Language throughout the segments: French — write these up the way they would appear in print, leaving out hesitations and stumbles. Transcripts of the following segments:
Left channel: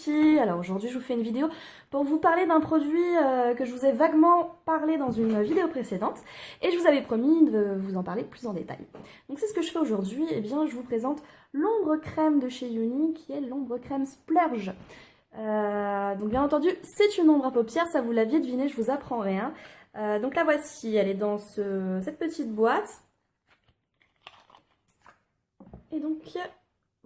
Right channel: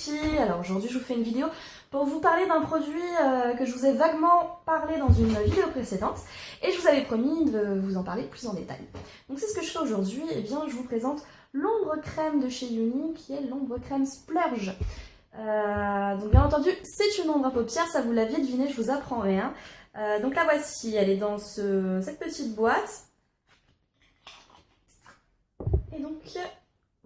filles, alors aujourd'hui je vous fais une vidéo pour vous parler d'un produit que je vous ai vaguement parlé dans une vidéo précédente et je vous avais promis de vous en parler plus en détail. Donc c'est ce que je fais aujourd'hui, et bien je vous présente l'ombre crème de chez Uni qui est l'ombre crème Splurge. Donc bien entendu c'est une ombre à paupières, ça vous l'aviez deviné, je vous apprends rien. Donc la voici, elle est dans cette petite boîte. Et donc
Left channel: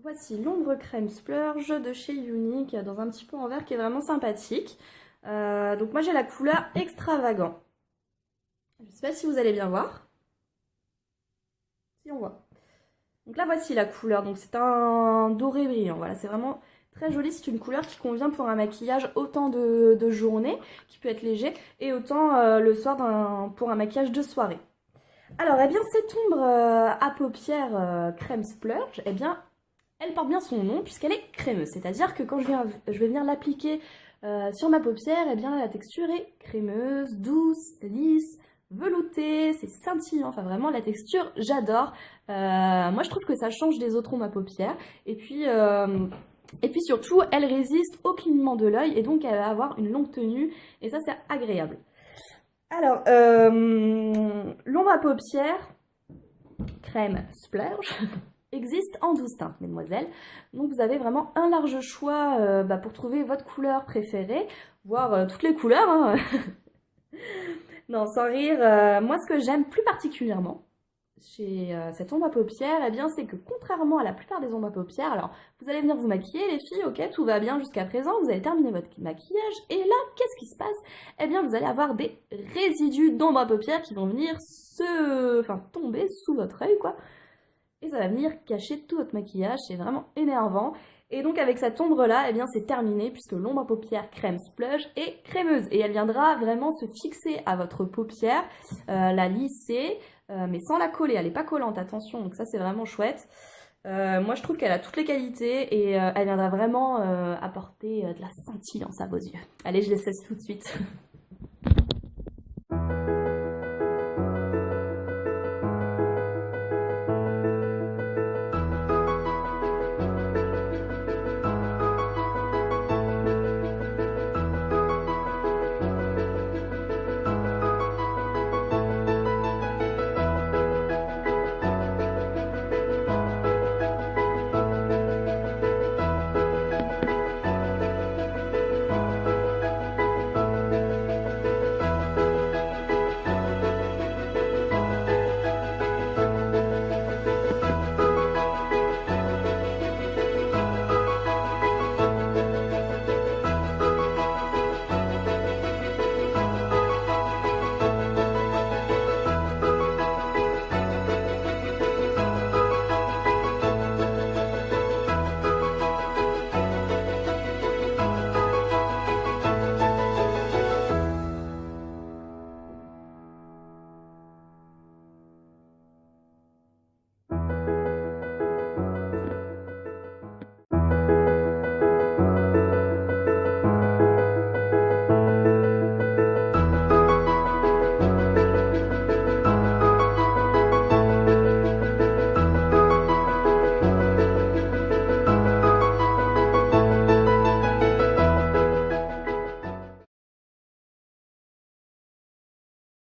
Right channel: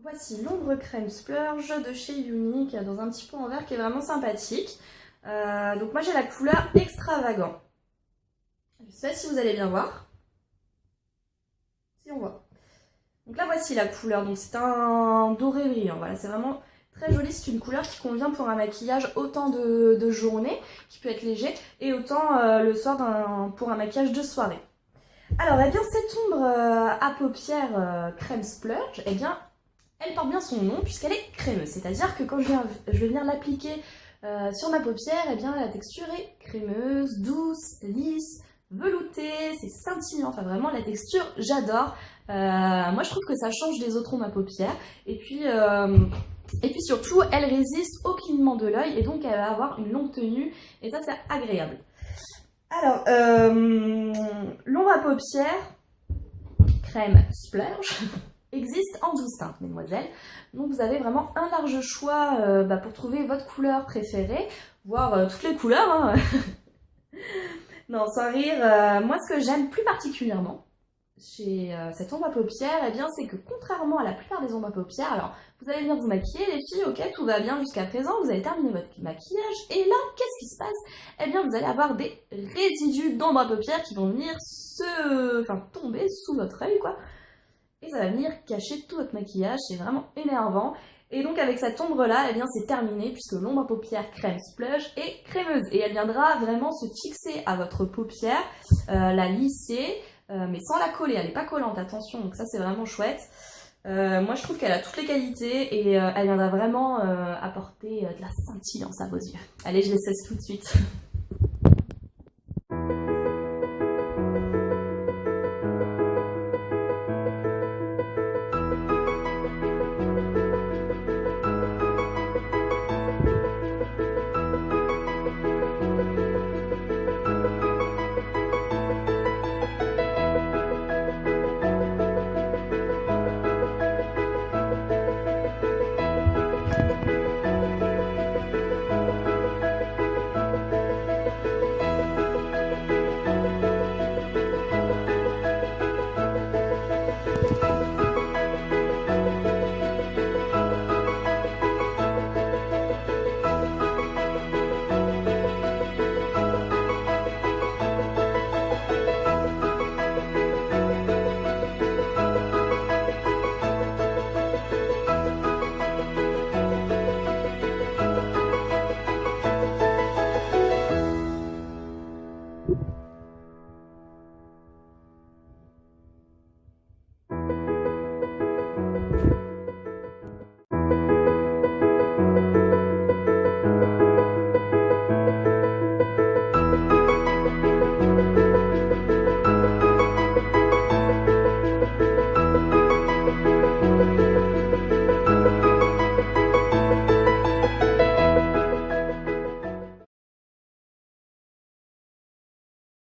voici l'ombre crème Splurge de chez Unique dans un petit pot en verre qui est vraiment sympathique. Donc moi j'ai la couleur extravagant. Je ne sais pas si vous allez bien voir. Si on voit. Donc là voici la couleur, donc c'est un doré brillant, voilà, c'est vraiment très joli, c'est une couleur qui convient pour un maquillage autant de journée, qui peut être léger, et autant le soir pour un maquillage de soirée. Alors, eh bien, cette ombre à paupières crème Splurge, eh bien, elle porte bien son nom puisqu'elle est crémeuse. C'est-à-dire que quand je vais venir l'appliquer sur ma paupière, eh bien, la texture est crémeuse, douce, lisse, veloutée, c'est scintillant. Enfin, vraiment, la texture, j'adore. Moi, je trouve que ça change des autres ombres à paupières. Et puis surtout, elle résiste au clignement de l'œil et donc elle va avoir une longue tenue. Et ça, c'est agréable. Alors, l'ombre à paupières crème Splurge existe en 12 teintes, mesdemoiselles. Donc vous avez vraiment un large choix pour trouver votre couleur préférée, voire toutes les couleurs. Hein. Non, sans rire, moi ce que j'aime plus particulièrement chez cette ombre à paupières, eh bien, c'est que contrairement à la plupart des ombres à paupières, alors vous allez venir vous maquiller les filles, ok, tout va bien jusqu'à présent, vous avez terminé votre maquillage, et là, qu'est-ce qui se passe? Eh bien, vous allez avoir des résidus d'ombre à paupières qui vont venir tomber sous votre œil, quoi. Et ça va venir cacher tout votre maquillage, c'est vraiment énervant. Et donc avec cette ombre-là, eh bien c'est terminé puisque l'ombre à paupières crème Splurge est crémeuse. Et elle viendra vraiment se fixer à votre paupière, la lisser, mais sans la coller. Elle n'est pas collante, attention, donc ça c'est vraiment chouette. Moi je trouve qu'elle a toutes les qualités et elle viendra vraiment apporter de la scintillance à vos yeux. Allez, je laisse ça tout de suite.